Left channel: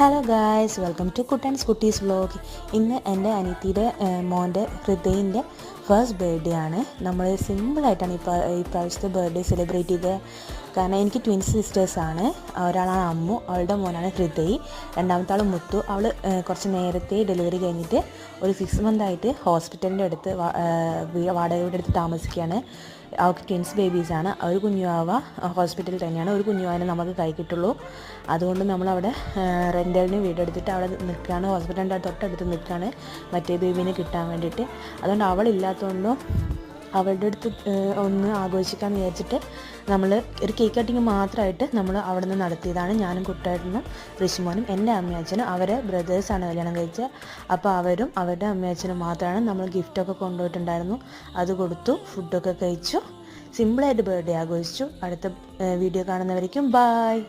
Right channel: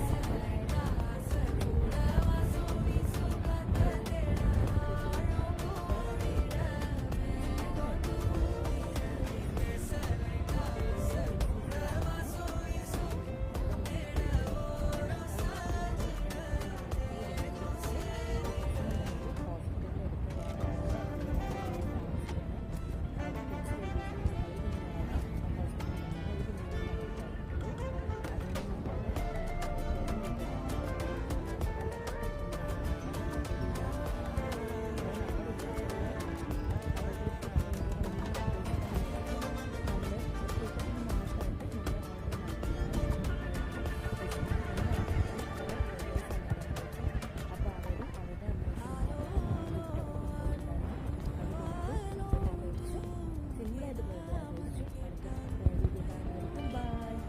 Hello guys, welcome to കുട്ടൻസ് കുട്ടീസ് vlog. ഇന്ന് എൻ്റെ അനിയത്തിയുടെ മോൻ്റെ ഹൃദയിൻ്റെ ഫസ്റ്റ് ബർത്ത്ഡേ ആണ്. നമ്മൾ സിമ്പിളായിട്ടാണ് ഈ പ്രാവശ്യത്തെ ബർത്ത്ഡേ സെലിബ്രേറ്റ് ചെയ്തത്. കാരണം എനിക്ക് ട്വിൻസ് സിസ്റ്റേഴ്സാണ്. ഒരാളാണ് അമ്മു, അവളുടെ മോനാണ് ഹൃദയ്, രണ്ടാമത്തെ ആൾ മുത്തു. അവൾ കുറച്ച് നേരത്തെ ഡെലിവറി കഴിഞ്ഞിട്ട് ഒരു 6 മന്തായിട്ട് ഹോസ്പിറ്റലിൻ്റെ അടുത്ത് വാടകയുടെ അടുത്ത് താമസിക്കുകയാണ്. അവർക്ക് ട്വിൻസ് ബേബീസാണ്. ഒരു കുഞ്ഞുവാവ ഹോസ്പിറ്റലിൽ തന്നെയാണ്. ഒരു കുഞ്ഞുവാവനെ നമുക്ക് കൈ കിട്ടുള്ളൂ. അതുകൊണ്ട് നമ്മളവിടെ റെൻ്റലിന് വീടെടുത്തിട്ട് അവിടെ നിൽക്കുകയാണ്. ഹോസ്പിറ്റലിൻ്റെ തൊട്ടടുത്ത് നിൽക്കുകയാണ് മറ്റേ ബേബീനെ കിട്ടാൻ വേണ്ടിയിട്ട്. അതുകൊണ്ട് അവളില്ലാത്തതുകൊണ്ടും അവളുടെ അടുത്ത് ഒന്ന് ആഘോഷിക്കാമെന്ന് വിചാരിച്ചിട്ട് നമ്മൾ ഒരു കേക്ക് കട്ടിങ് മാത്രമായിട്ട് നമ്മൾ അവിടെ നിന്ന് നടത്തിയതാണ്. ഞാനും കുട്ടേട്ടനും ഋഷിമോനും എൻ്റെ അമ്മയച്ഛനും അവരെ ബ്രദേഴ്സാണ് കല്യാണം കഴിച്ചത്. അപ്പോൾ അവരും അവരുടെ അമ്മയച്ഛനും മാത്രമാണ്. നമ്മൾ ഗിഫ്റ്റൊക്കെ കൊണ്ടുപോയിട്ടുണ്ടായിരുന്നു, അത് കൊടുത്തു, ഫുഡൊക്കെ കഴിച്ചു, സിമ്പിളായിട്ട് ബർത്ത്ഡേ ആഘോഷിച്ചു. അടുത്ത വീഡിയോ കാണുന്നവരേക്കും ബായ്.